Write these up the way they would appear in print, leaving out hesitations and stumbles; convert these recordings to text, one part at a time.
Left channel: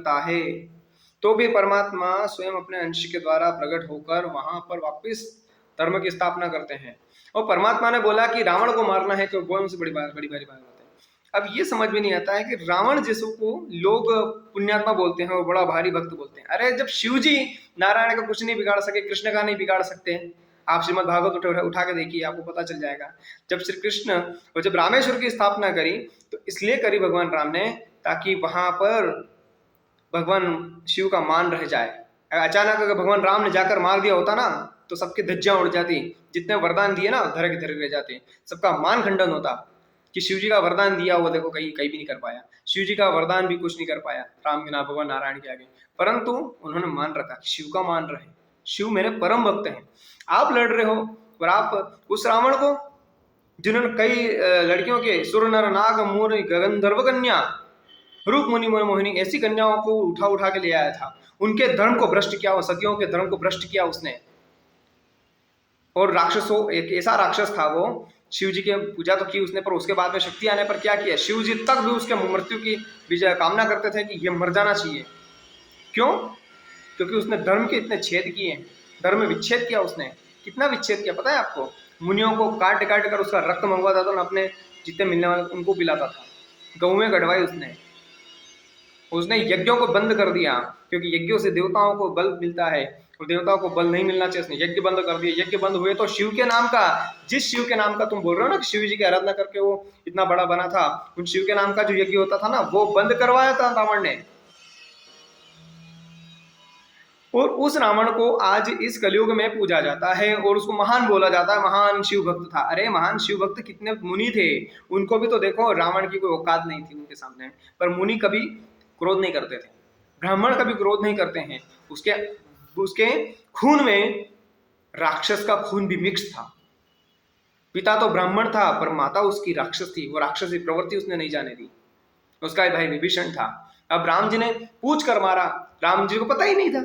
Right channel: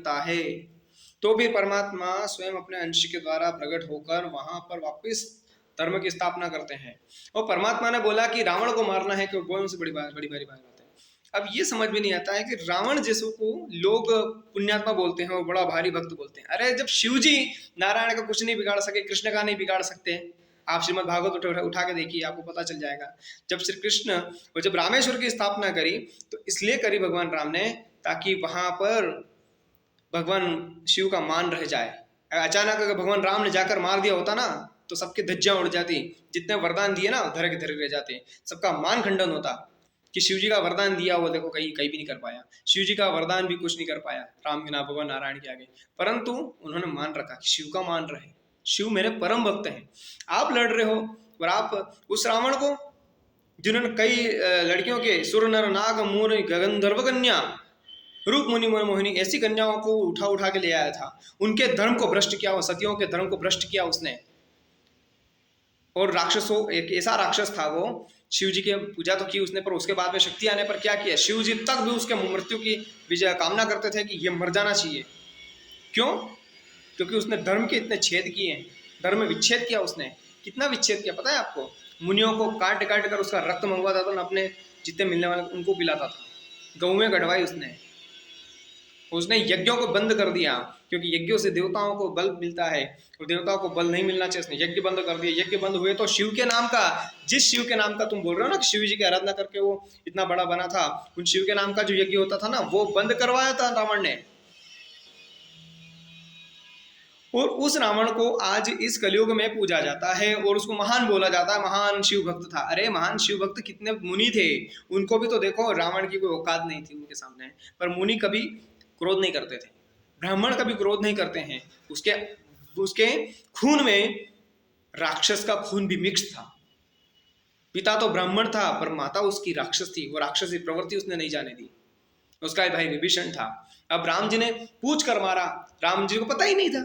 लगता है, तो भी परमात्मा स्वयं अपने अंश के द्वारा प्रकट होकर वहां पर वापस धर्म की स्थापना करते हैं। और परमात्मा ने बोला कि रावण को मारना है, तो वो उनसे बड़ी भारी बात है। अब ये समझ में नहीं आता है कि रावण जैसों को लोग पुण्यात्मा बोलते हैं और बड़ा भारी भक्त बोलते हैं। अरे जब शिव जी नारायण का कुछ नहीं बिगाड़ सके, कृष्ण का नहीं बिगाड़ सकते, आप श्रीमद् भागवत उठा के देखिए, आपको पता चल जाएगा। जब श्री कृष्ण और जब रामेश्वर की स्थापना करी तो इसलिए करी भगवान राम ने, ताकि वहां पर भगवान शिव का मान रह जाए। अचानक अगर भगवान राम ने जाकर मार दिया होता ना, तो सबकी धज्जियां उड़ जाती, जितने वरदान दिए ना धरे के धरे रह जाते, सबका मान खंडन होता कि शिव जी का वरदान दिया वो देखो कहीं भी नहीं कर पाया, शिव जी का वरदान भी कुछ नहीं कर पाया राम के नाम भगवान नारायण के आगे। परंतु उन्होंने मान रखा कि शिव का मान रहे, शिव मेरे परम भक्त हैं। आप लड़ रहे हो और आप उस रावण को, जिन्होंने कई लड़कियों के सुर नर नाग मोर गगंधर्व कन्या रूप मुनि मोहिनी ऐसी कन्याओं को उठा के ले आया था, उनके धर्म को भ्रष्ट किया, वो सतियों के धर्म को भ्रष्ट किया उसने। और राक्षसों, एक ऐसा राक्षस था वो, शिव जी की पूजा तो की उसने, पर उसके बाद में शक्ति आने पर क्या किया, शिव जी तक भी उसके मृत्यु की विजय कामना करते थे कि ये मर जाना चाहिए। क्यों? क्योंकि उसने धर्म के इतने छेद किए, धर्म विच्छेद किया उसने। कितना विच्छेद किया पता है आपको? मुनियों को काट कर उसका रक्त मंगवाता था, अपने जितने मिलने वाले उनको पिलाता था, गऊ गढ़वाई उसने यज्ञों को बंद कर दिया, क्योंकि यज्ञों से देवताओं को बल मिलता है और देवताओं को बल नहीं मिलना चाहिए, उसने यज्ञ बंद कर दिए। यज्ञ बंद हुए तो शिव के नाम का, जिस शिव के नाम का तुम बोल रहे हो ना कि शिव जी की आराधना करके वो इतना बड़ा बना था, उन शिव के नाम का जो यज्ञ होता था ना, वो बंद करवाया था रावण ने। और उस रावण को आज इस कलयुग में पूजा जाता है और उसको महान बोला जाता है, महान शिव भक्त था। अरे महान शिव भक्त कितने मुनि थे, उनको भी तो देखो, रावण की कोई औकात नहीं थी उनके सामने, पर मुनि कभी क्रोध नहीं करते थे, ब्राह्मण कभी क्रोध नहीं करते हैं। उसके उसके खून में राक्षस का खून भी मिक्स था। पिता तो ब्राह्मण था पर माता उसकी राक्षस थी, वो राक्षसी प्रवृत्ति उसने नहीं जाने दी। उसका भाई विभीषण था। अब राम जी ने पूछ कर मारा, राम जी को पता ही नहीं था।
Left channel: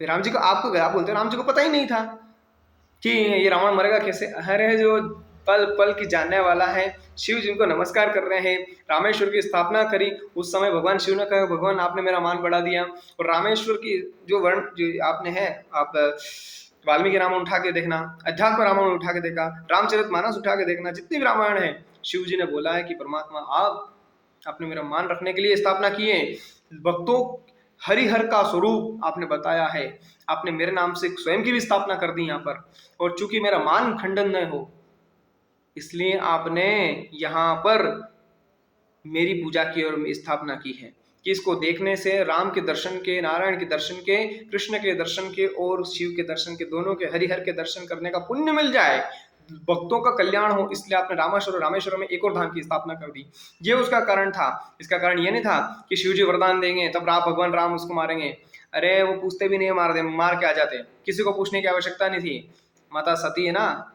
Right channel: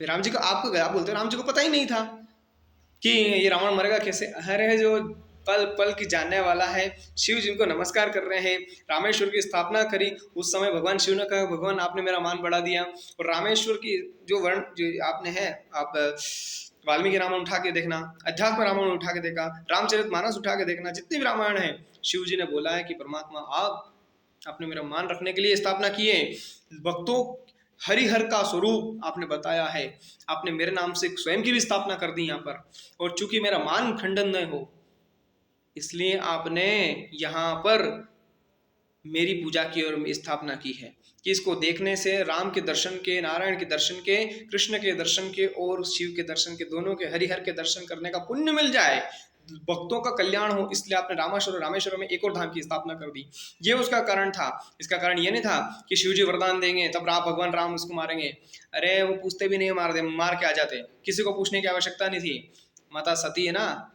राम जी को, आपको क्या बोलते हैं, राम जी को पता ही नहीं था कि ये रावण मरेगा कैसे। अरे जो पल पल की जानने वाला है, शिव जिनको नमस्कार कर रहे हैं, रामेश्वर की स्थापना करी, उस समय भगवान शिव ने कहा भगवान आपने मेरा मान बढ़ा दिया। और रामेश्वर की जो वर्ण जो आपने है, आप वाल्मीकि रामायण उठा के देखना, अध्यात्म रामायण उठा के देखा, रामचरितमानस उठा के देखना, जितनी भी रामायण है, शिव जी ने बोला है कि परमात्मा आपने मेरा मान रखने के लिए स्थापना की है। भक्तों हरिहर का स्वरूप आपने बताया है, आपने मेरे नाम से स्वयं की भी स्थापना कर दी यहाँ पर, और चूंकि मेरा मान खंडन न हो इसलिए आपने यहाँ पर मेरी पूजा की और स्थापना की है कि इसको देखने से राम के दर्शन के, नारायण के दर्शन के, कृष्ण के दर्शन के और शिव के दर्शन के, दोनों के, हरिहर के दर्शन करने का पुण्य मिल जाए, भक्तों का कल्याण हो, इसलिए आपने रामेश्वर में एक और धाम की स्थापना कर दी। ये उसका कारण था। इसका कारण ये नहीं था कि शिव जी वरदान देंगे तब भगवान राम उसको मारेंगे। अरे वो पूछते भी नहीं, मार के आ जाते, किसी को पूछने की आवश्यकता नहीं थी। माता सती है ना,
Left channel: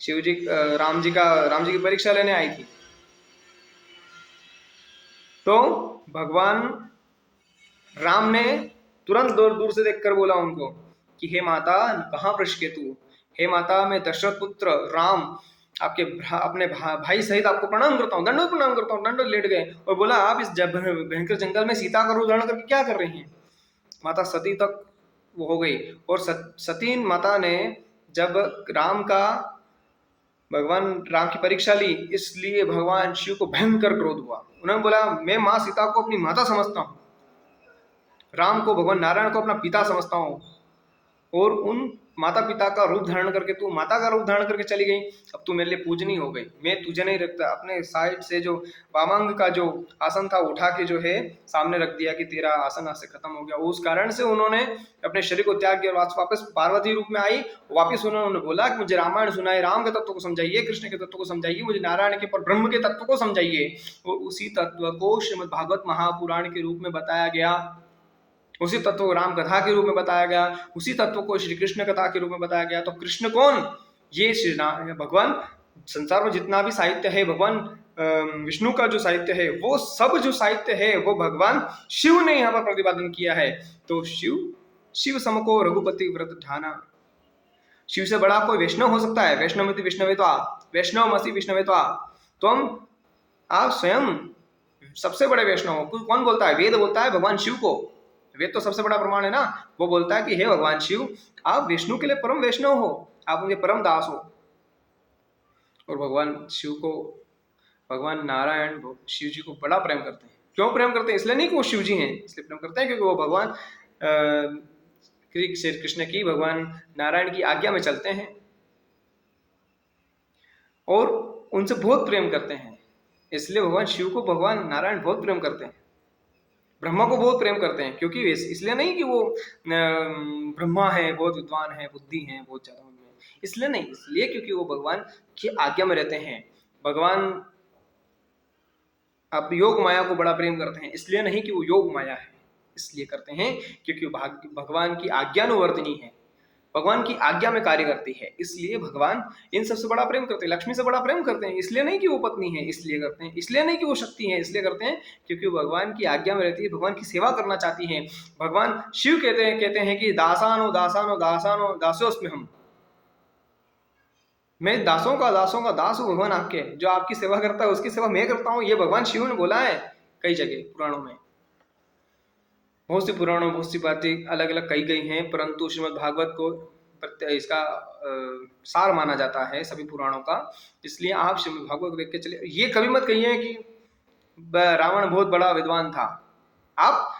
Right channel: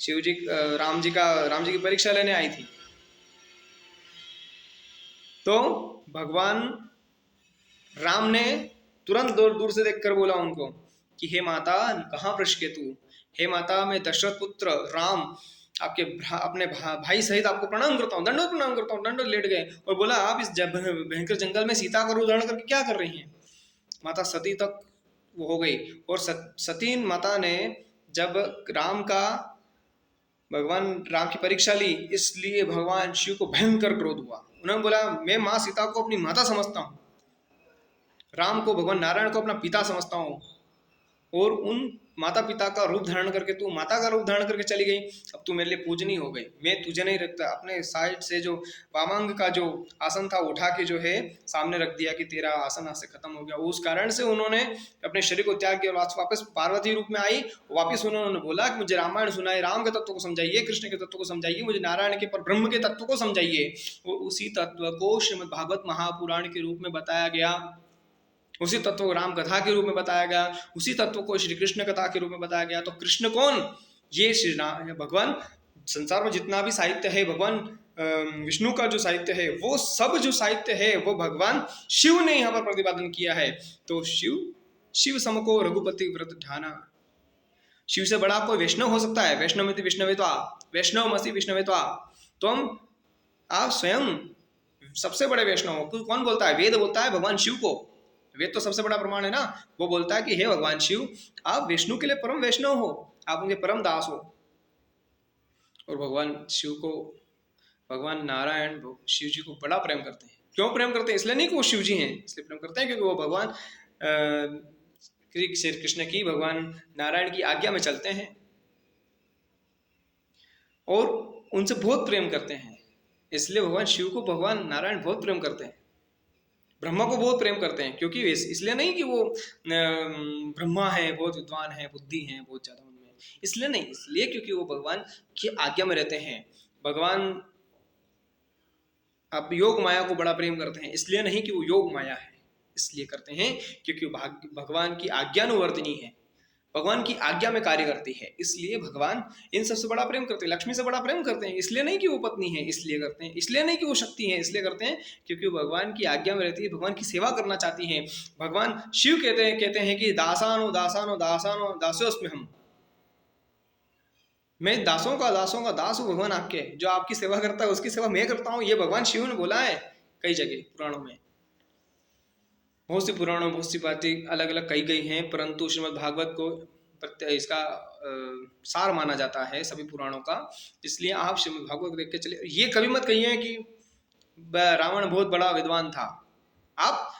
शिव जी राम जी की परीक्षा लेने आई थी, तो भगवान राम ने तुरंत दूर से देखकर बोला उनको कि हे माता, कहाँ वृषकेतु, हे माता, मैं दशरथ पुत्र राम आपके अपने भाई सहित आपको प्रणाम करता हूँ, दंडोत प्रणाम करता हूँ। दंडोत लेट गए और बोला आप इस भयंकर जंगल में सीता का रूप धारण करके क्या कर रही हैं। माता सती तक वो हो गई। और सती माता ने जब भगवान राम की परीक्षा ली, इसलिए भगवान शिव को भयंकर क्रोध हुआ। उन्होंने बोला मैं माँ सीता को अपनी माता समझता हूँ, राम को, भगवान नारायण को अपना पिता समझता हूँ, और उन माता पिता का रूप धारण करके तू माता का रूप धारण करके चली गई, अब तू मेरे लिए पूजनीय हो गई, मैं तुझे नहीं रखता। अपने साइड से जो वामांग का जो आसन था उठा के जो है सामने रख दिया कि तेरा आसन आज से खत्म हो गया। उस कारण से उन्होंने अपने शरीर को त्याग किया, वापस पार्वती रूप में आई। वापिस उन्होंने बोला कि मुझे रामायण सुनाए, राम के तत्व को समझाइए, कृष्ण के तत्व को समझाइए, मुझे नारायण के पर ब्रह्म के तत्व को समझाइए। और उसी तत्व को श्रीमद् भागवत महापुराण के रूप में बताया गया, उसी तत्व को राम कथा के रूप में बताया गया, उसी तत्व को श्री कृष्ण कथा के रूप में बताया गया। तो कृष्ण कौन? ये श्री भगवान। संसार में जितना भी साहित्य है, भगवान विष्णु का जो साहित्य है, वो सब जो साहित्य है वो भगवान शिव ने यहाँ पर प्रतिपादन किया है। तो शिव समको रघुपति व्रत ठाना। शिव से बड़ा कोई वैष्णव हो सकता है? वैष्णव विष्णवेत्वा, वैष्णव मसी विष्णवेत्वा। तो आप स्वयं सबसे बड़े वैष्णव कौन बोलता है? वेद बोलता है भगवान शिव को। वेद तो सबसे बड़ा प्रमाण है ना। वो बोलता है कि हे भगवान शिव, आप विष्णु के लिए परम वैष्णव हो, आप उनके परम दास हो। और भगवान शिव को, भगवान नारायण शिव जी को बड़ा प्रेम करते हैं। क्यों प्रेम करते हैं? इसलिए नहीं कि वो शिव जी हैं, इसलिए प्रेम करते हैं क्योंकि वो भगवान श्री कृष्ण की, भगवान नारायण की आज्ञा में चलते हैं और उनसे बहुत प्रेम करते हैं। इसलिए भगवान शिव को भगवान नारायण बहुत प्रेम करते हैं। ब्रह्मा को बहुत प्रेम करते हैं, क्योंकि इसलिए नहीं कि वो ब्रह्मा है, बहुत विद्वान है, बुद्धि है बहुत ज्यादा उनमें, इसलिए नहीं, इसलिए क्योंकि वो भगवान की आज्ञा में रहते हैं। भगवान आप योग माया को बड़ा प्रेम करते हैं, इसलिए नहीं कि वो योग माया है, इसलिए करते हैं क्योंकि भगवान की आज्ञानुवर्तिनी है, भगवान की आज्ञा में कार्य करती है, इसलिए भगवान इन सबसे बड़ा प्रेम करते हैं। लक्ष्मी से बड़ा प्रेम करते हैं, इसलिए नहीं कि वो पत्नी है, इसलिए करते हैं। इसलिए नहीं कि वो शक्ति है, इसलिए करते हैं क्योंकि वो भगवान की आज्ञा में रहती है, भगवान की सेवा करना चाहती है। भगवान शिव कहते हैं कि दासानो दासानो दासानो दासोस्मि हम, मैं दासों का दास हूँ भगवान आपके, जो आपकी सेवा करता है उसकी सेवा मैं करता हूँ। ये भगवान शिव ने बोला है कई जगह पुराणों में, बहुत सी पुराणों में बहुत सी बातें अलग अलग कही गई हैं, परंतु श्रीमद् भागवत को इसका सार माना जाता है सभी पुराणों का। इसलिए आप श्रीमद् भागवत देख के चलिए। ये कभी मत कहिए कि रावण बहुत बड़ा विद्वान था, आप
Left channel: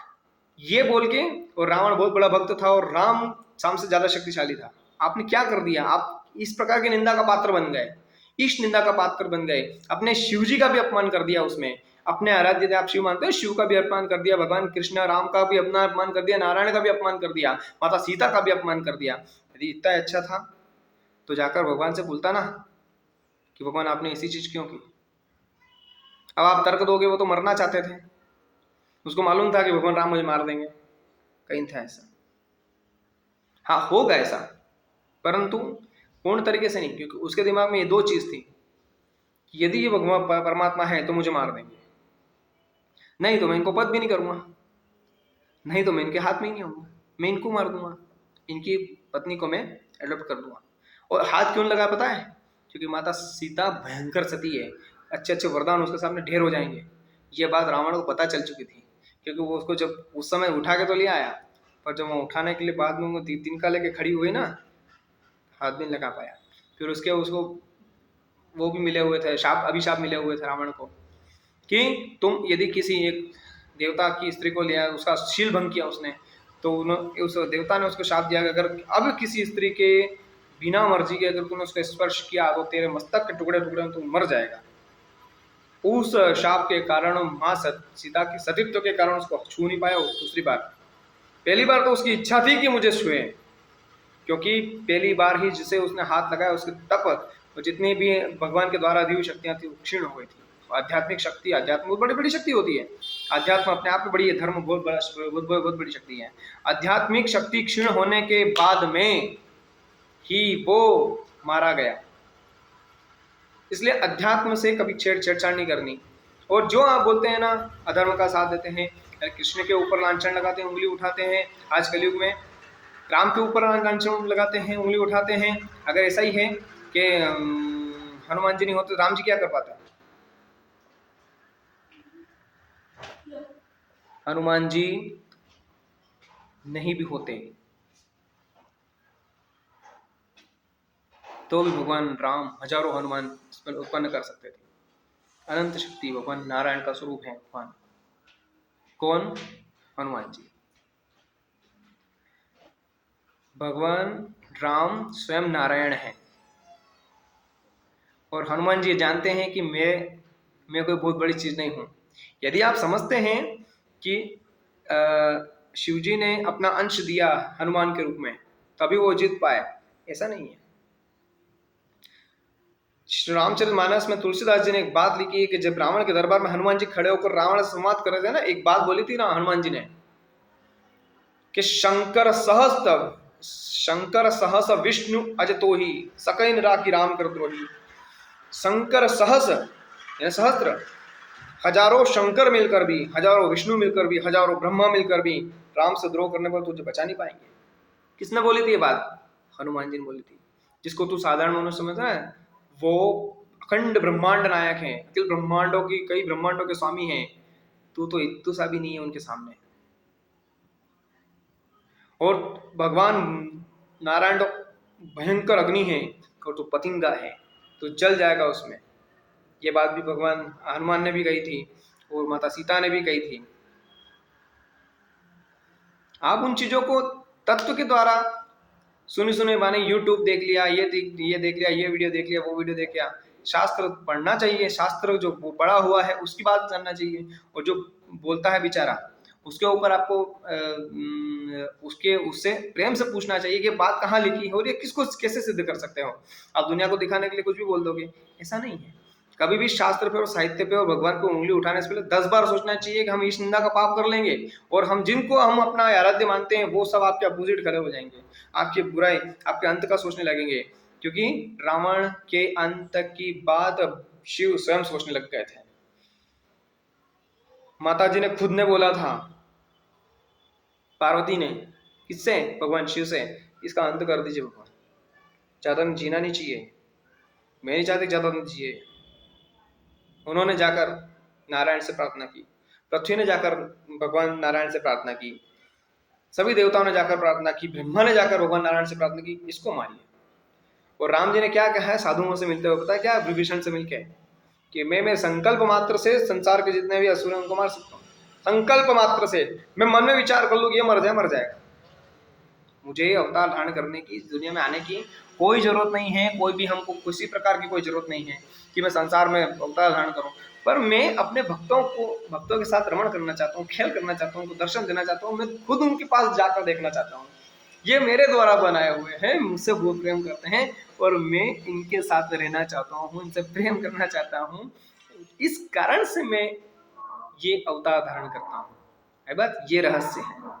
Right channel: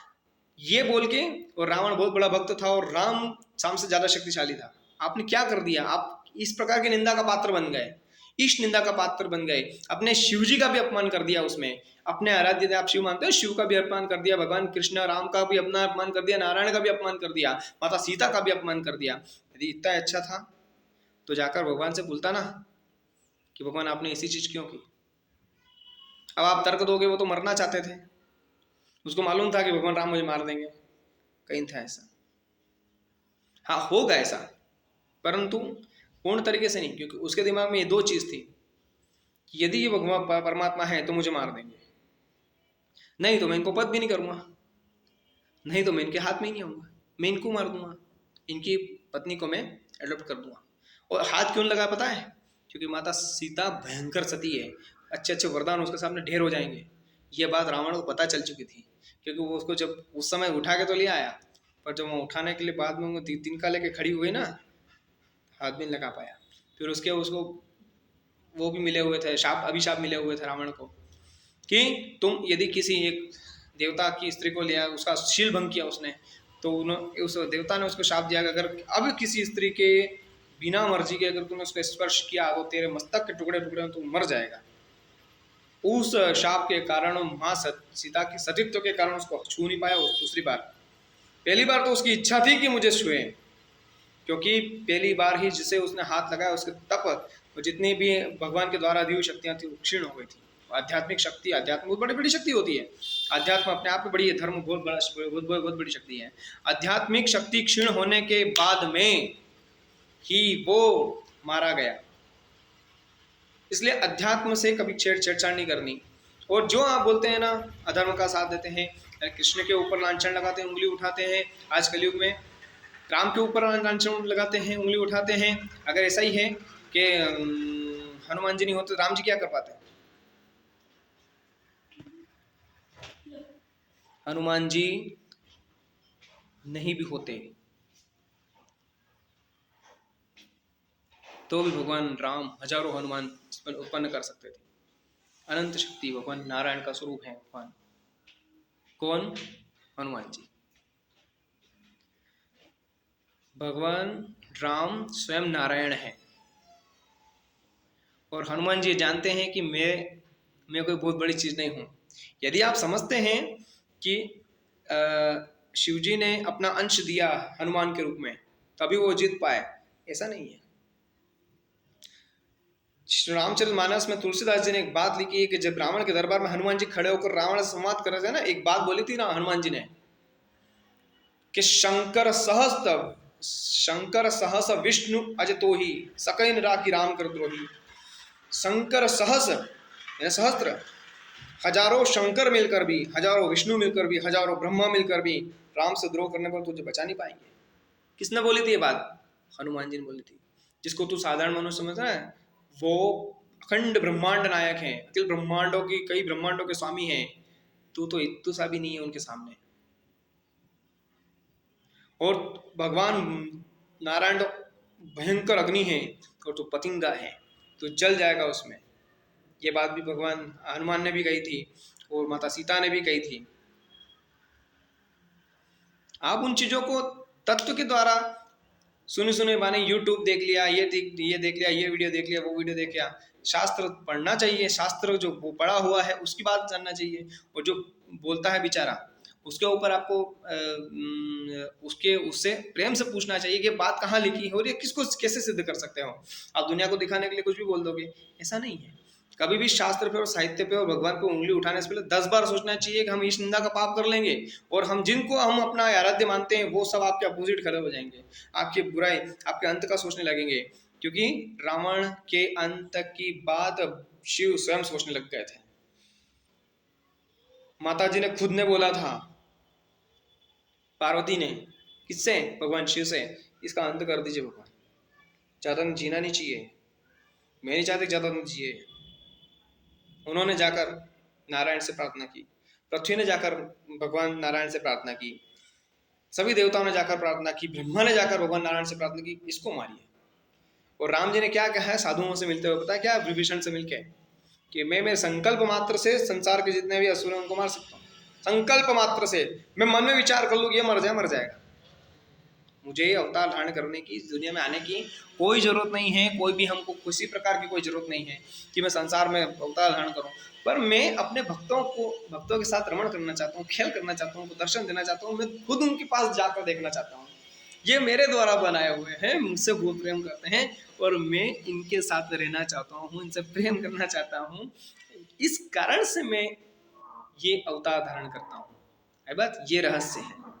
ये बोल के, और रावण बहुत बड़ा भक्त था और राम से ज्यादा शक्तिशाली था। आपने क्या कर दिया? आप इस प्रकार की निंदा का पात्र बन गए, इस निंदा का पात्र बन गए, अपने शिव जी का भी अपमान कर दिया उसमें, अपने आराध्य आप शिव मानते हो, शिव का भी अपमान कर दिया, भगवान कृष्ण राम का भी अपना अपमान कर दिया, नारायण का भी अपमान कर दिया, माता सीता का भी अपमान कर दिया। यदि इतना अच्छा था तो जाकर भगवान से बोलता ना कि भगवान आपने ऐसी चीज क्यों की। अब आप तर्क दोगे, वो तो मरना चाहते थे, उसको मालूम था कि भगवान राम मुझे मार देंगे, कहीं था ऐसा। हाँ होगा ऐसा, परंतु पूर्ण तरीके से नहीं, क्योंकि उसके दिमाग में ये दो चीज थी कि यदि ये भगवान परमात्मा है तो मुझे मार देंगे, नहीं तो मैं इनको पद भी नहीं करूंगा, नहीं तो मैं इनके हाथ में ही नहीं आऊंगा, मैं इनको मार दूंगा, इनकी पत्नी को मैं एडॉप्ट कर दूंगा। और हाथ क्यों लगा पता है? क्योंकि माता सीता भयंकर सती है, अच्छे अच्छे वरदान उसके सामने ढेर हो जाएंगे। ये बात रावण को पता चल चुकी थी, क्योंकि वो उसको जब उस समय उठा के तो ले आया, पर जब वो उठाने के लिए बाद में वो तिनका लेके खड़ी हुई ना, हाथ भी नहीं लगा पाया। फिर उसको वो भी मिले हुए थे, अभिशाप मिले हुए थे रावण को कि तुम यदि किसी एक देवता की स्त्री को लिया, उसका शील भंग किया उसने, तो उस देवता ने उसको शाप दिया कि अगर अब किसी स्त्री के बिना मर्जी के अगर तूने उसको स्पर्श किया तो तेरे मस्तक के टुकड़े टुकड़े तू मर जाएगा। उस शाप के कारण माँ सीता की सतीत्व के कारण उसको छू नहीं पाया। दूसरी बार, पहली बार तो उसकी इच्छा थी कि मुझे छुए, क्योंकि पहली बार ही जिसे उसने हाथ लगाया उसके तप तो जितनी भी भगवान के द्वारा दी हुई शक्तियां थी क्षीण हो गई थी। आध्यात्मिक शक्ति, अध्यात्म बहुत बड़ी बड़ी शक्ति होती है, अध्यात्म अपने आप में बड़ी है, धर्म बहुत बड़ी शक्ति है। आध्यात्मिक शक्ति क्षीण होने के बाद में ही वो मारा गया, इसलिए अध्यात्म से कभी छेड़छाड़ नहीं करनी। और जो आप बोलते हैं ना अधर्म का साथ देते हैं, कृष्ण के ऊपर लांछन लगाते हैं, उंगली उठाते हैं, आज कलयुग में राम के ऊपर लांछन लगाते हैं, उंगली उठाते हैं, अगर ऐसा ही है कि हनुमान जी नहीं होते राम जी क्या कर पाते? हनुमान जी नहीं भी होते तो भी भगवान राम हजारों हनुमान उत्पन्न कर सकते थे। अनंत शक्ति भगवान नारायण का स्वरूप है भगवान। कौन? हनुमान जी। भगवान राम स्वयं नारायण है और हनुमान जी जानते हैं कि मैं कोई बहुत बड़ी चीज नहीं हूं। यदि आप समझते हैं कि शिव जी ने अपना अंश दिया हनुमान के रूप में तभी वो जीत पाए, ऐसा नहीं है। रामचरितमानस में तुलसीदास जी ने एक बात लिखी है कि जब रावण के दरबार में हनुमान जी खड़े होकर रावण से संवाद कर रहे थे ना, एक बात बोली थी ना हनुमान जी ने कि शंकर सहस विष्णु अजतो ही सकैन राखी राम कर द्रोही। शंकर सहस सहस्त्र, हजारों शंकर मिलकर भी, हजारों विष्णु मिलकर भी, हजारों ब्रह्मा मिलकर भी राम से द्रोह करने पर तुझे बचा नहीं पाएंगे। किसने बोली थी ये बात? हनुमान जी ने बोली थी। जिसको तू साधारण मनुष्य समझ रहा है, वो अखंड ब्रह्मांड नायक हैं, अखिल ब्रह्मांडों की, कई ब्रह्मांडों के स्वामी हैं, तू तो इत्तू सा भी नहीं है उनके सामने। और भगवान नारायण तो भयंकर अग्नि है और तू पतिंगा है, तो जल जाएगा उसमें। ये बात भी भगवान हनुमान ने भी कही थी और माता सीता ने भी कही थी। आप उन चीजों को तत्व के द्वारा सुने सुने माने यूट्यूब देख लिया, ये देख लिया, ये वीडियो देख लिया, वो वीडियो देख लिया। शास्त्र पढ़ना चाहिए, शास्त्र जो वो पढ़ा हुआ है उसकी बात जानना चाहिए, और जो बोलता है बेचारा उसके ऊपर आपको उसके उससे प्रेम से पूछना चाहिए कि बात कहाँ लिखी है और ये किसको कैसे सिद्ध कर सकते हो। आप दुनिया को दिखाने के लिए कुछ भी बोल दोगे, ऐसा नहीं है। कभी भी शास्त्र पे और साहित्य पे और भगवान पे उंगली उठाने से पहले 10 बार सोचना चाहिए कि हम इस निंदा का पाप कर लेंगे, और हम जिनको हम अपना आराध्य मानते हैं वो सब आपके अपोजिट खड़े हो जाएंगे, आपकी बुराई, आपके अंत का सोचने लगेंगे। क्योंकि रावण के अंत की बात शिव स्वयं सोचने लग गए थे। माता जी ने खुद ने बोला था, पार्वती ने, किससे? भगवान शिव से, इसका अंत कर दीजिए भगवान, ज्यादा जीना नहीं चाहिए, मैं नहीं चाहती ज्यादा जिए। उन्होंने जाकर नारायण से प्रार्थना की, पृथ्वी ने जाकर भगवान नारायण से प्रार्थना की, सभी देवताओं ने जाकर प्रार्थना की, ब्रह्मा ने जाकर भगवान नारायण से प्रार्थना की, इसको मारिए। और राम जी ने क्या कहा है साधुओं से मिलते हुए, पता है क्या? विभीषण से मिलके कि मैं मेरे संकल्प मात्र से संसार के जितने भी असुर हैं उनको मार सकता हूँ। संकल्प मात्र से मैं मन में विचार कर लूँ ये मर जाए, मर जाएगा। मुझे अवतार धारण करने की, दुनिया में आने की कोई जरूरत नहीं है, कोई भी हमको किसी प्रकार की कोई जरूरत नहीं है कि मैं संसार में अवतार धारण करूं, पर मैं अपने भक्तों के साथ रमण करना चाहता हूँ, खेल करना चाहता हूँ, उनको दर्शन देना चाहता हूँ, मैं खुद उनके पास जाकर देखना चाहता हूँ। ये मेरे द्वारा बनाए हुए हैं, मुझसे बहुत प्रेम करते हैं और मैं इनके साथ रहना चाहता हूँ, इनसे प्रेम करना चाहता हूँ, इस कारण से मैं ये अवतार धारण करता हूँ। है बात, ये रहस्य है।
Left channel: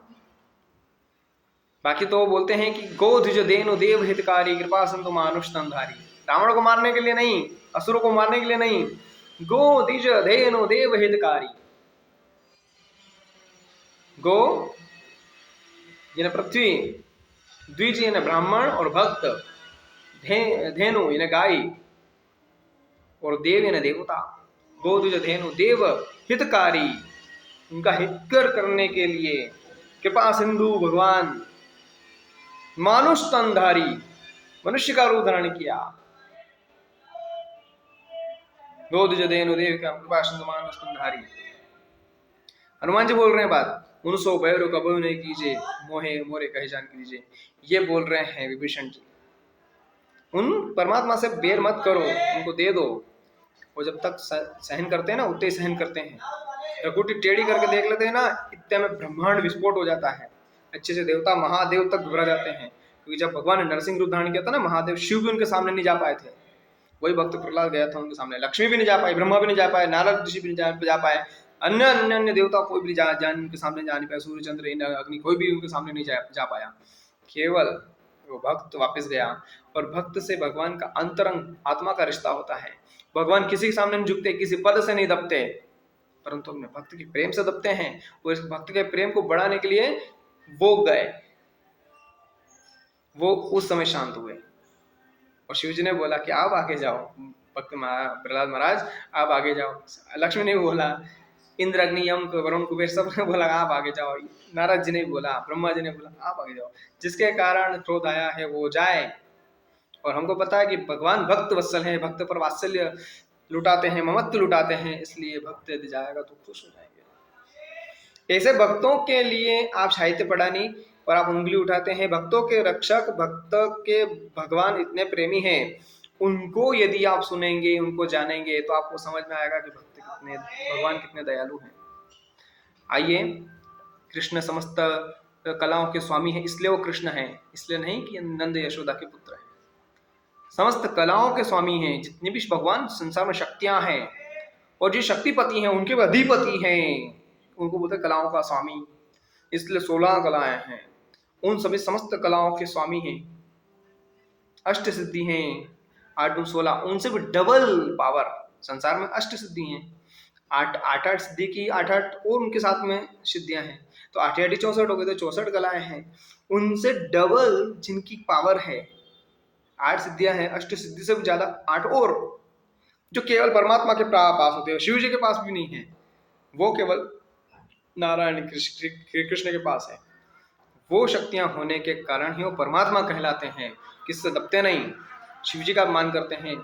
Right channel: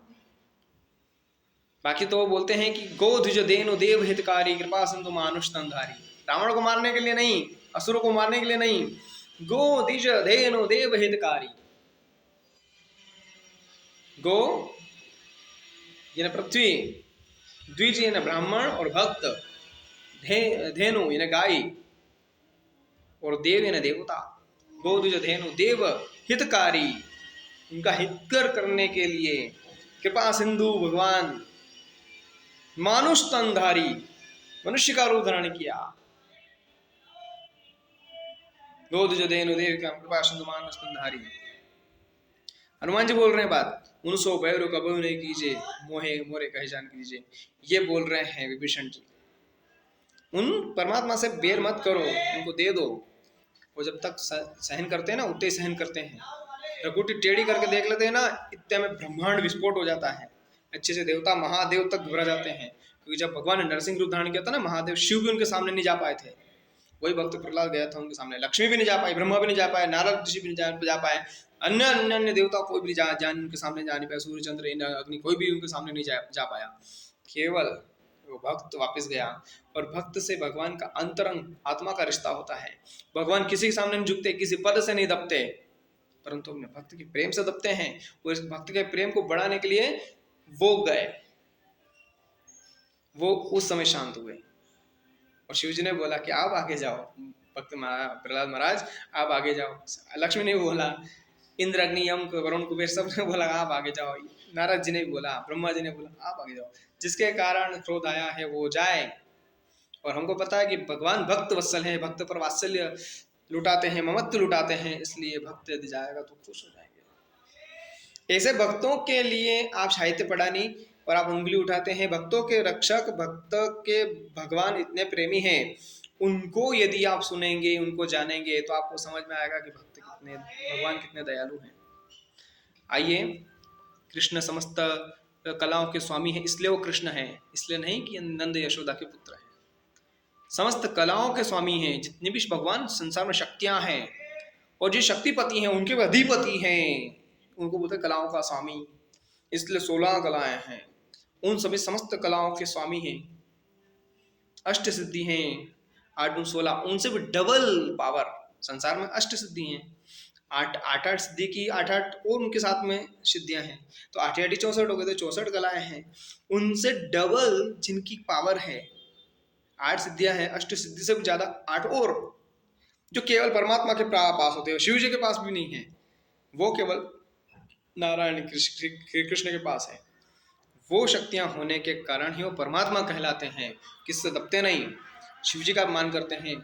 बाकी तो वो बोलते हैं कि गो ध्वज देनु देव हितकारी कृपा सिंधु मानुष तंधारी। रावण को मारने के लिए नहीं, असुरों को मारने के लिए नहीं, गो ध्वज देनु देव हितकारी। गो यानी पृथ्वी, द्विज यानी ब्राह्मण और भक्त, धेनु यानी गाय और देव यानी देवता। गो ध्वज धेनु देव हितकारी, उनका हितकर करने के लिए कृपा सिंधु भगवान मानुष तनधारी, मनुष्य का रूप धारण किया। गोद जदेनु देव का कृपा सिंधु मानुष तनधारी। हनुमान जी बोल रहे हैं बात, उनसो बैरो कबू नहीं कीजिए, मोहे मोरे कहे जान कीजिए। ये बोल रहे हैं विभीषण जी, उन परमात्मा से बेर मत करो, उनको दे दो। वो जब तक सहन करते हैं ना, उतने ही सहन करते हैं। रघुटी टेढ़ी करके देख लेते हैं ना, इतने में ब्रह्मांड विस्फोट हो जाता है, अच्छे से देवता महादेव तक घबरा जाते हैं। क्योंकि जब भगवान ने नरसिंह रूप धारण किया था ना, महादेव शिव भी उनके सामने नहीं जा पाए थे। वही भक्त प्रहलाद गया था उनके सामने, लक्ष्मी भी नहीं जा पाई, ब्रह्मा भी नहीं जा पाए, नारद ऋषि भी नहीं जा पाए, अन्य अन्य अन्य देवता कोई भी जान उनके सामने जा नहीं पाया, सूर्य चंद्र अग्नि कोई भी उनके सामने नहीं जा पाया। केवल वो भक्त वापस गया। और भक्त से भगवान का अंतरंग आत्मा का रिश्ता होता है। भगवान किसी के सामने नहीं झुकते, किसी पद से नहीं दबते, परंतु अपने भक्त के प्रेम से दबते हैं। और इस भक्त के प्रेम को बढ़ाने के लिए वो गए, वो उस समय शांत हुए। और शिव जी ने बोला कि आप आगे जाओ, भक्त प्रहलाद महाराज आप आगे जाओ। लक्ष्मी ने बोला, इंद्र अग्नि यम वरुण कुबेर सब ने बोला आप आगे जाओ। नारद जी ने बोला, ब्रह्मा जी ने बोला आप आगे जाओ। जिसके कारण क्रोध आया है वो जाए। और हमको पता है कि भगवान भक्त वत्सल है, भक्त पर वात्सल्य लुटाते हैं, ममत्व लुटाते हैं, इसलिए भक्त यदि जाएगा तो खुश हो जाएंगे। ऐसे भक्तों के लिए आप साहित्य पढ़ा नहीं और आप उंगली उठाते हैं। भक्तों के रक्षक, भक्त के भगवान इतने प्रेमी हैं, उनको यदि आप सुनेंगे, उनको जानेंगे, तो आपको समझ में आएगा कि भगवान कितने दयालु हैं। आइए, कृष्ण समस्त कलाओं के स्वामी हैं, इसलिए वो कृष्ण हैं, इसलिए नहीं कि नंद यशोदा के पुत्र हैं। समस्त कलाओं के स्वामी हैं। जितने भी भगवान संसार में शक्तियां हैं और जो शक्तिपति हैं उनके भी अधिपति हैं, उनको बोलते हैं कलाओं का स्वामी। इसलिए 16 कलाएं हैं, उन सभी समस्त कलाओं के स्वामी हैं। अष्ट सिद्धि हैं, 8 2 16, उनसे भी डबल पावर। संसार में अष्ट सिद्धि हैं, 8 सिद्धि की 8 और उनके साथ में सिद्धियां हैं, तो 8 8 64 हो गए, तो 64 कलाएं हैं। उनसे डबल जिनकी पावर है, 8 सिद्धियां हैं, अष्ट सिद्धि से भी ज्यादा 8 और, जो केवल परमात्मा के पास होते हैं, शिव जी के पास भी नहीं है। वो केवल नारायण श्री कृष्ण के पास है। वो शक्तियां होने के कारण ही वो परमात्मा कहलाते हैं, किससे दबते नहीं। शिव जी का मान करते हैं,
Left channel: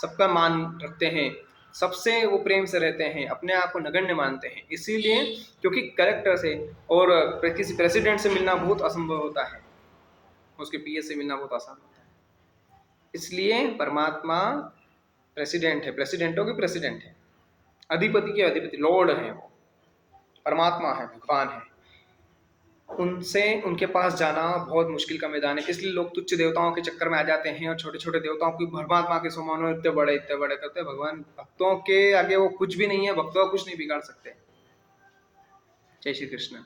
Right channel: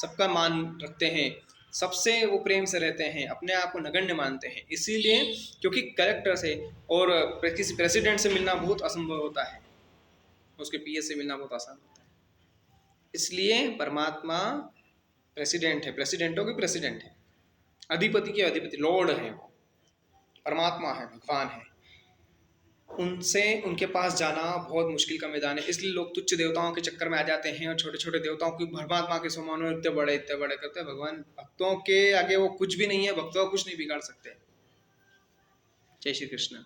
सबका मान रखते हैं, सबसे वो प्रेम से रहते हैं, अपने आप को नगण्य मानते हैं। इसीलिए क्योंकि कलेक्टर से और किसी प्रेसिडेंट से मिलना बहुत असंभव होता है, उसके पीए से मिलना बहुत आसान होता है। इसलिए परमात्मा प्रेसिडेंट है, प्रेसिडेंटों के प्रेसिडेंट है, अधिपति के अधिपति, लॉर्ड है, वो परमात्मा है, भगवान है। उनसे उनके पास जाना बहुत मुश्किल का मैदान है। इसलिए लोग तुच्छ देवताओं के चक्कर में आ जाते हैं और छोटे छोटे देवताओं की परमात्मा के समान इतने बड़े करते हैं। भगवान भक्तों के आगे वो कुछ भी नहीं है, भक्तों को कुछ नहीं बिगाड़ सकते। जय श्री कृष्ण।